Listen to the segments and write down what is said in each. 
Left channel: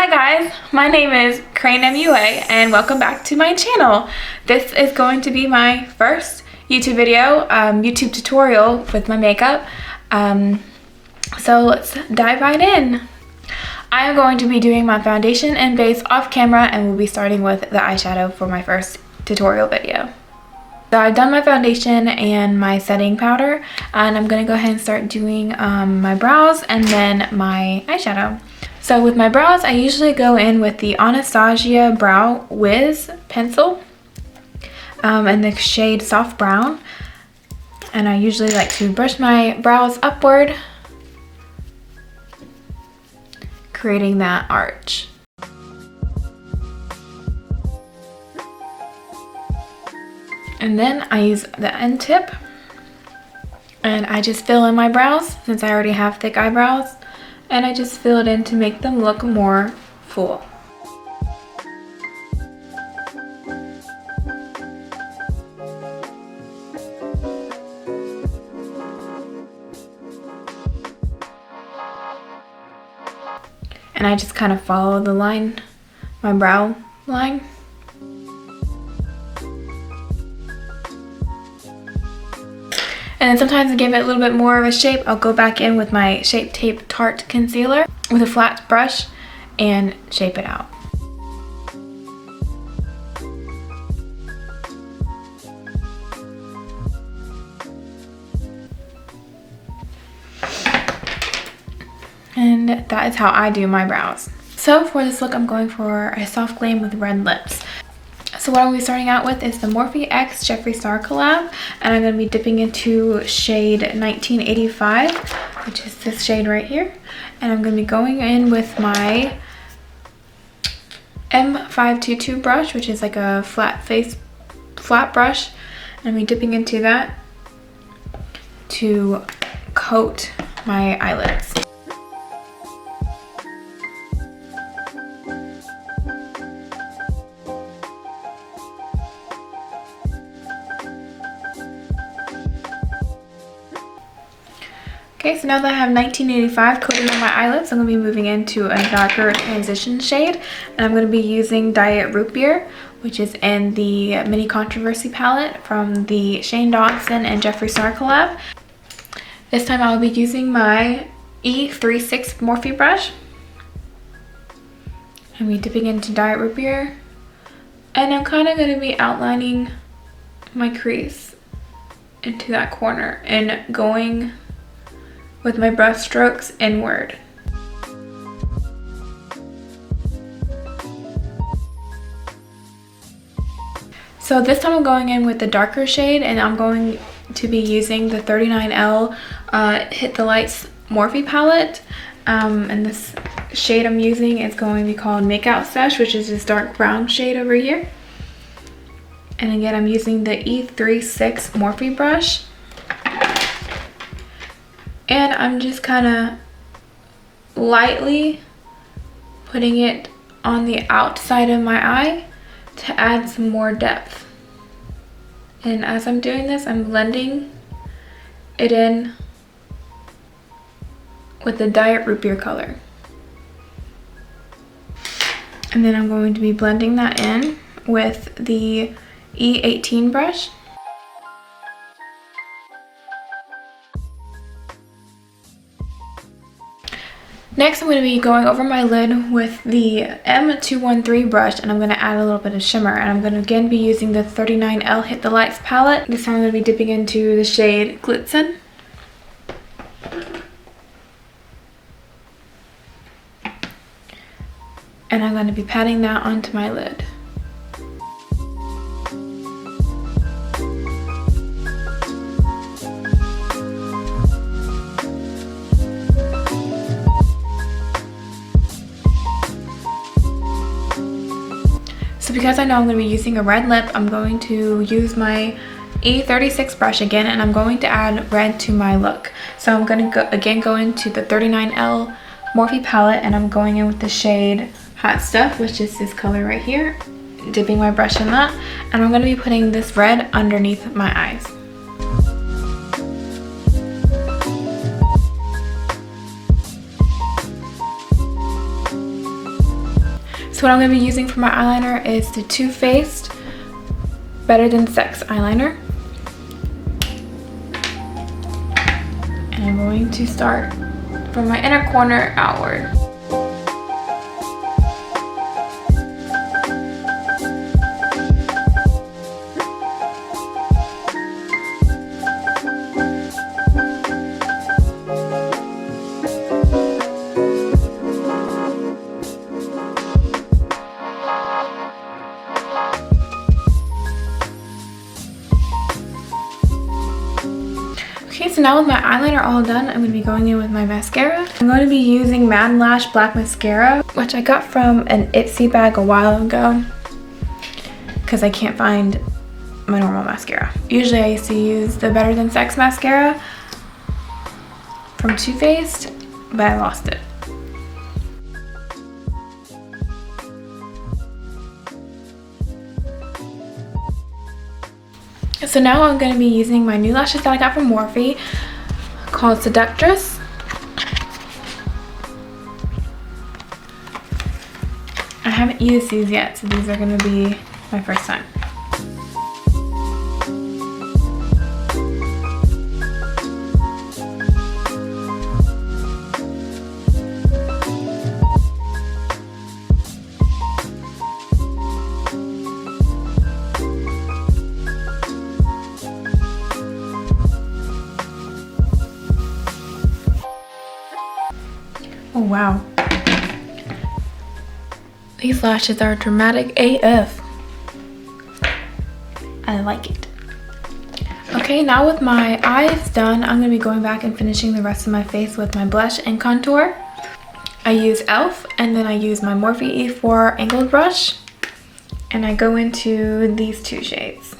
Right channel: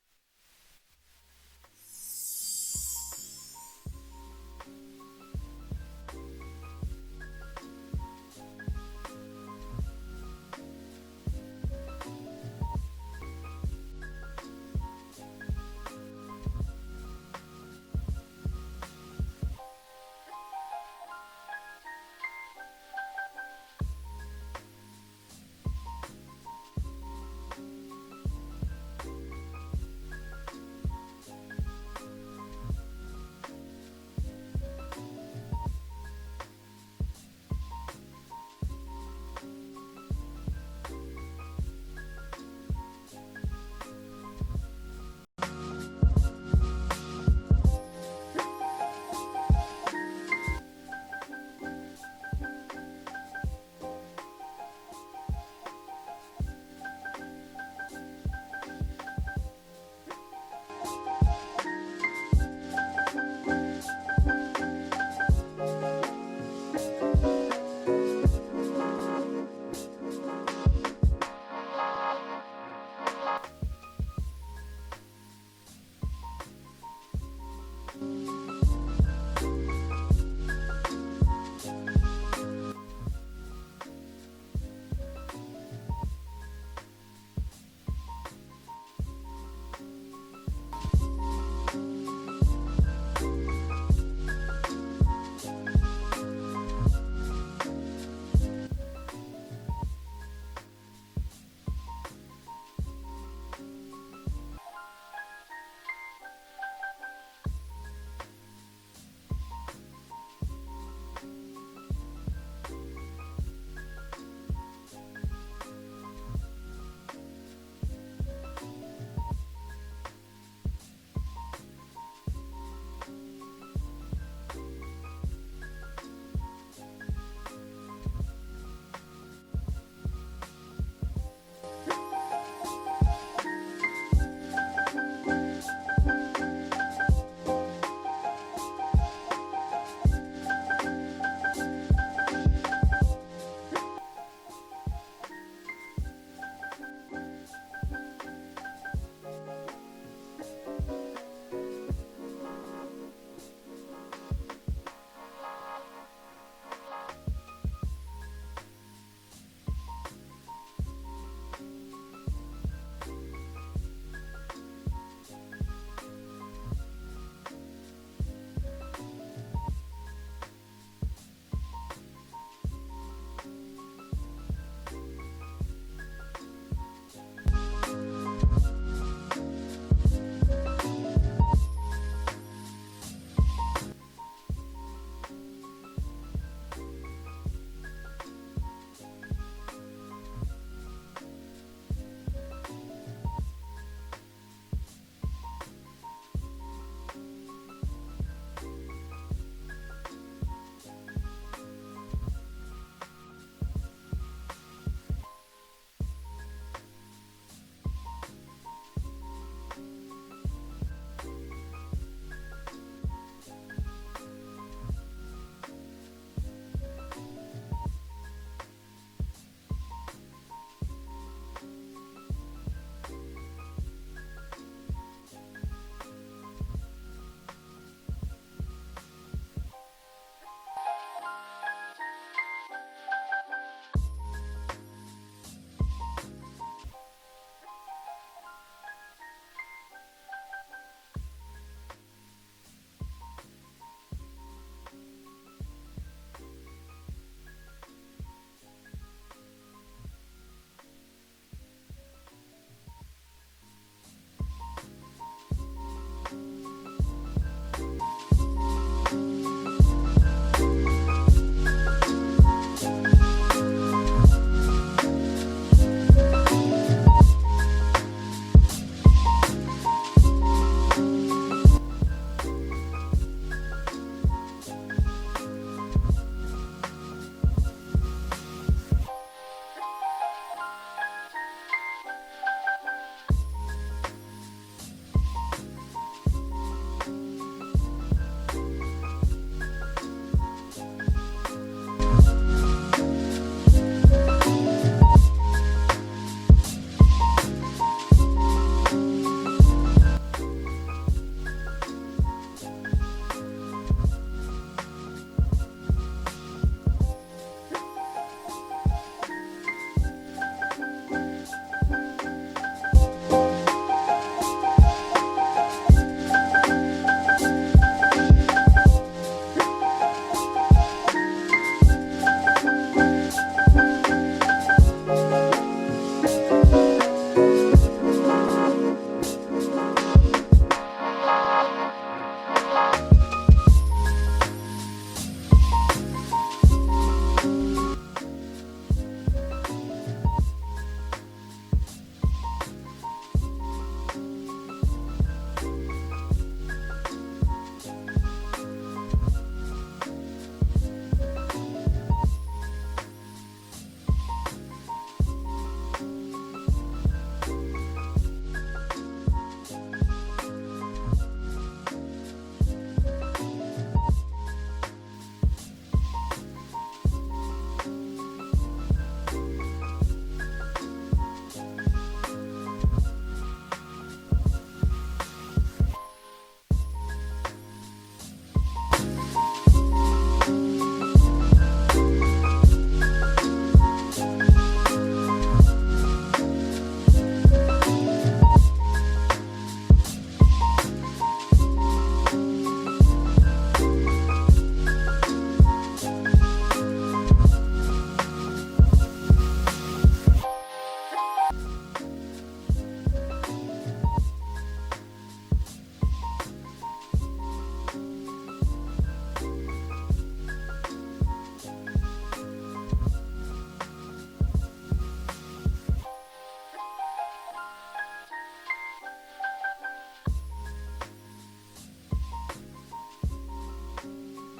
Hi guys, my name is Crane MUA and welcome back to my channel. This is going to be my first YouTube video, YouTube tutorial with my makeup. So let's dive right in. I am going to be doing my foundation and base off camera, and we'll be starting with the eyeshadow for my first tutorial video. So I've done my foundation and my setting powder, and I'm going to go ahead and start doing my brows and then my eyeshadow. So with my brows, I usually go in with the Anastasia Brow Wiz pencil in the shade Soft Brown. And I usually like to brush my brows upward, creating that arch. And then I use the end tip and I just fill in my brows since I already have thick eyebrows. And I just fill it in to make them look more full. And I just kind of follow the line, my brow line. And then sometimes to give it a little bit more of a shape, I'll go back in with my Shape Tape Tarte Concealer with a flat brush and shape it out. And that is how I do my brows. So for this look, I'm going for a soft glam with red lips. So what I'm going to be starting out with is the Morphe X Jeffree Star collab, and I'm going to be dipping into shade 1985, which is this shade right here. And I'm going to be going in with my M522 brush, which is like a flat brush. And I'm going to be dipping into that to coat my eyelids. Okay, so now that I have 1985 coated on my eyelids, I'm going to be moving into a darker transition shade. And I'm going to be using Diet Root Beer, which is in the Mini Controversy palette from the Dawson and Jeffree Star collab. This time I'll be using my E36 Morphe brush. I'm going to be dipping into Diet Root Beer. And I'm kind of going to be outlining my crease into that corner and going with my brush strokes inward. So this time I'm going in with the darker shade, and I'm going to be using the 39L Hit the Lights Morphe palette. And this shade I'm using is going to be called Makeout Sesh, which is this dark brown shade over here. And again, I'm using the E36 Morphe brush. And I'm just kind of lightly putting it on the outside of my eye to add some more depth. And as I'm doing this, I'm blending it in with the Diet Root Beer color. And then I'm going to be blending that in with the E18 brush. Next, I'm going to be going over my lid with the M213 brush, and I'm going to add a little bit of shimmer. And I'm going to again be using the 39L Hit the Lights palette. This time I'm going to be dipping into the shade Glitzen. And I'm going to be patting that onto my lid. Because I know I'm going to be using a red lip, I'm going to use my E36 brush again, and I'm going to add red to my look. So I'm going to go into the 39L Morphe palette, and I'm going in with the shade Hot Stuff, which is this color right here. Dipping my brush in that, and I'm going to be putting this red underneath my eyes. So what I'm going to be using for my eyeliner is the Too Faced Better Than Sex eyeliner. And I'm going to start from my inner corner outward. So now with my eyeliner all done, I'm going to be going in with my mascara. I'm going to be using Mad Lash Black Mascara, which I got from an Ipsy bag a while ago because I can't find my normal mascara. Usually I used to use the Better Than Sex mascara from Too Faced, but I lost it. So now I'm going to be using my new lashes that I got from Morphe called Seductress. I haven't used these yet, so these are going to be my first time. Oh wow, these lashes are dramatic AF. I like it. Okay, now with my eyes done, I'm going to be going back and finishing the rest of my face with my blush and contour. I use e.l.f. and then I use my Morphe E4 angled brush, and I go into these two shades.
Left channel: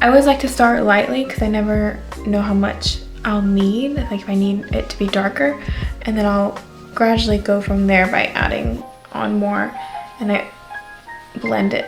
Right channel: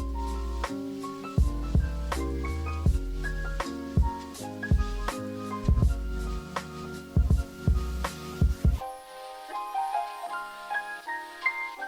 I always like to start lightly because I never know how much I'll need, like if I need it to be darker, and then I'll gradually go from there by adding on more, and I blend it.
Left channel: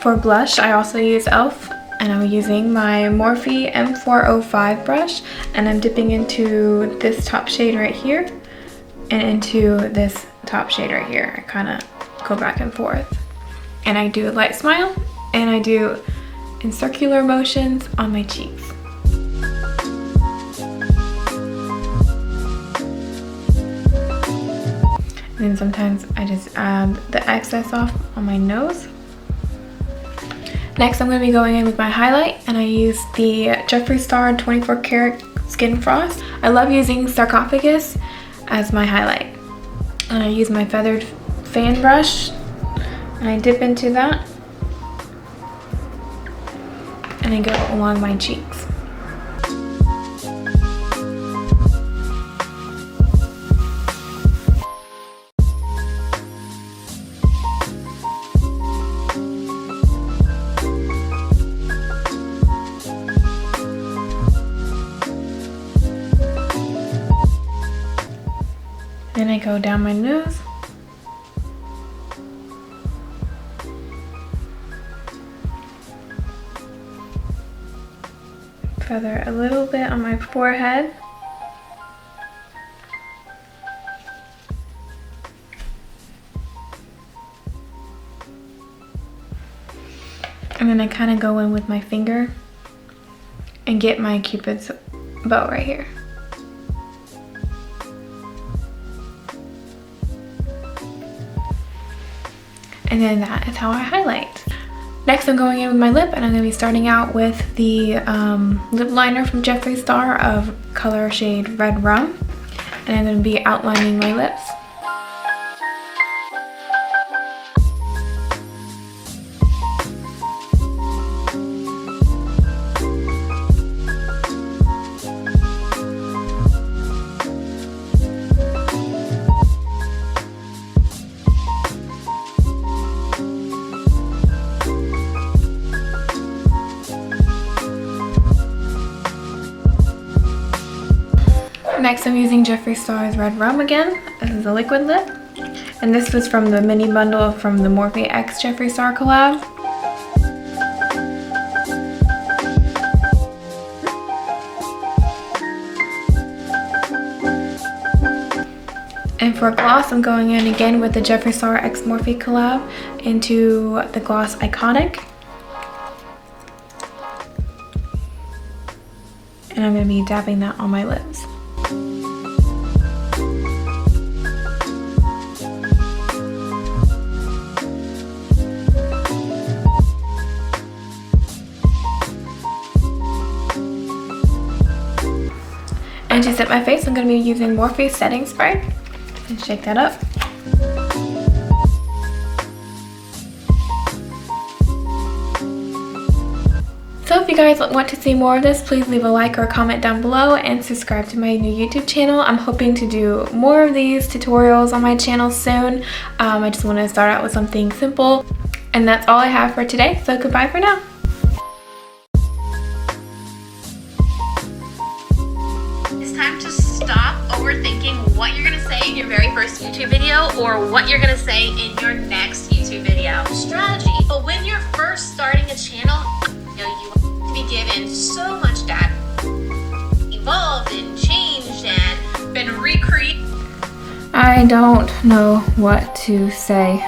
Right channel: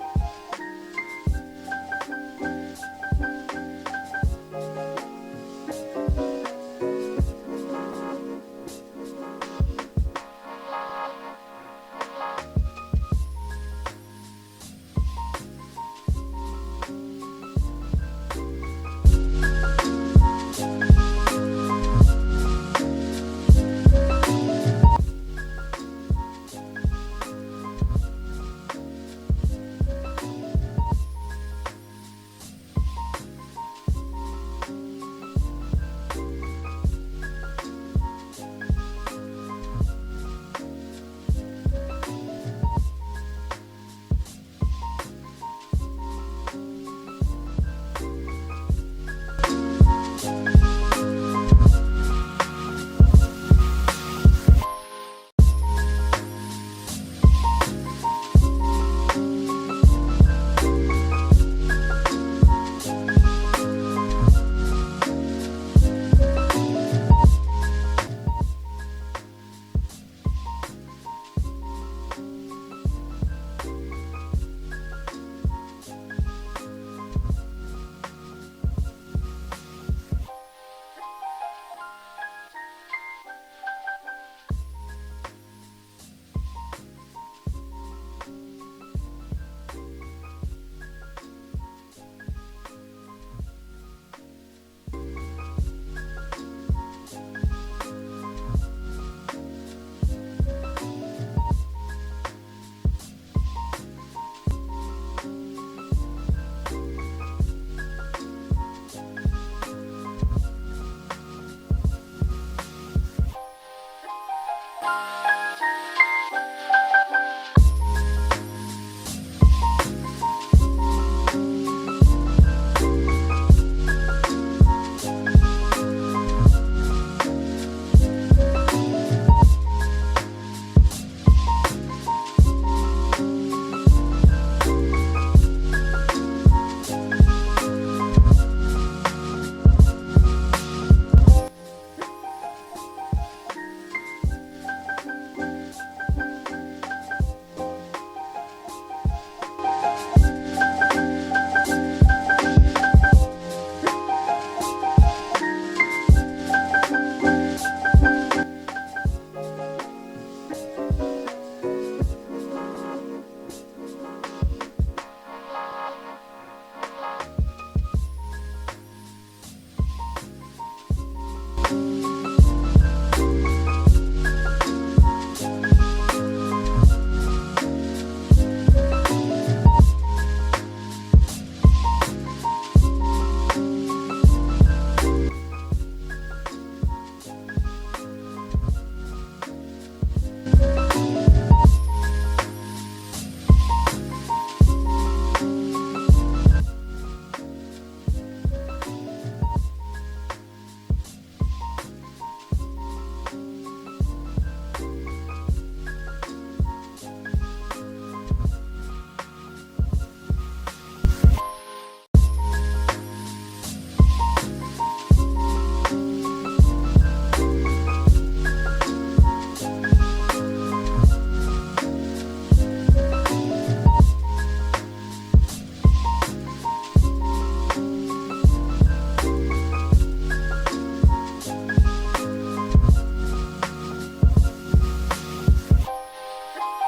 For blush, I also use e.l.f. and I'm using my Morphe M405 brush, and I'm dipping into this top shade right here and into this top shade right here. I kind of go back and forth. And I do a light smile, and I do in circular motions on my cheeks. And then sometimes I just add the excess off on my nose. Next, I'm going to be going in with my highlight, and I use the Jeffree Star 24 Karat Skin Frost. I love using Sarcophagus as my highlight. And I use my feathered fan brush, and I dip into that, and I go along my cheeks. Then I go down my nose. Feather a little bit on my forehead. And then I kind of go in with my finger and get my Cupid's bow right here. And then that is how I highlight. Next, I'm going in with my lip, and I'm going to be starting out with the lip liner from Jeffree Star of color shade Redrum. And I'm going to be outlining my lips. using Jeffree Star's Redrum again. This is a liquid lip. And this was from the mini bundle from the Morphe X Jeffree Star collab. And for gloss, I'm going in again with the Jeffree Star X Morphe collab into the gloss Iconic. And I'm going to be dabbing that on my lips. And to set my face, I'm going to be using Morphe setting spray. And shake that up. So if you guys want to see more of this, please leave a like or a comment down below and subscribe to my new YouTube channel. I'm hoping to do more of these tutorials on my channel soon. I just want to start out with something simple. And that's all I have for today, so goodbye for now. It's time to stop overthinking what you're going to say in your very first YouTube video or what you're going to say in your next YouTube video. Strategy. But when you're first starting a channel, you'll be given so much data, evolved and changed and been recreated. I don't know what to say.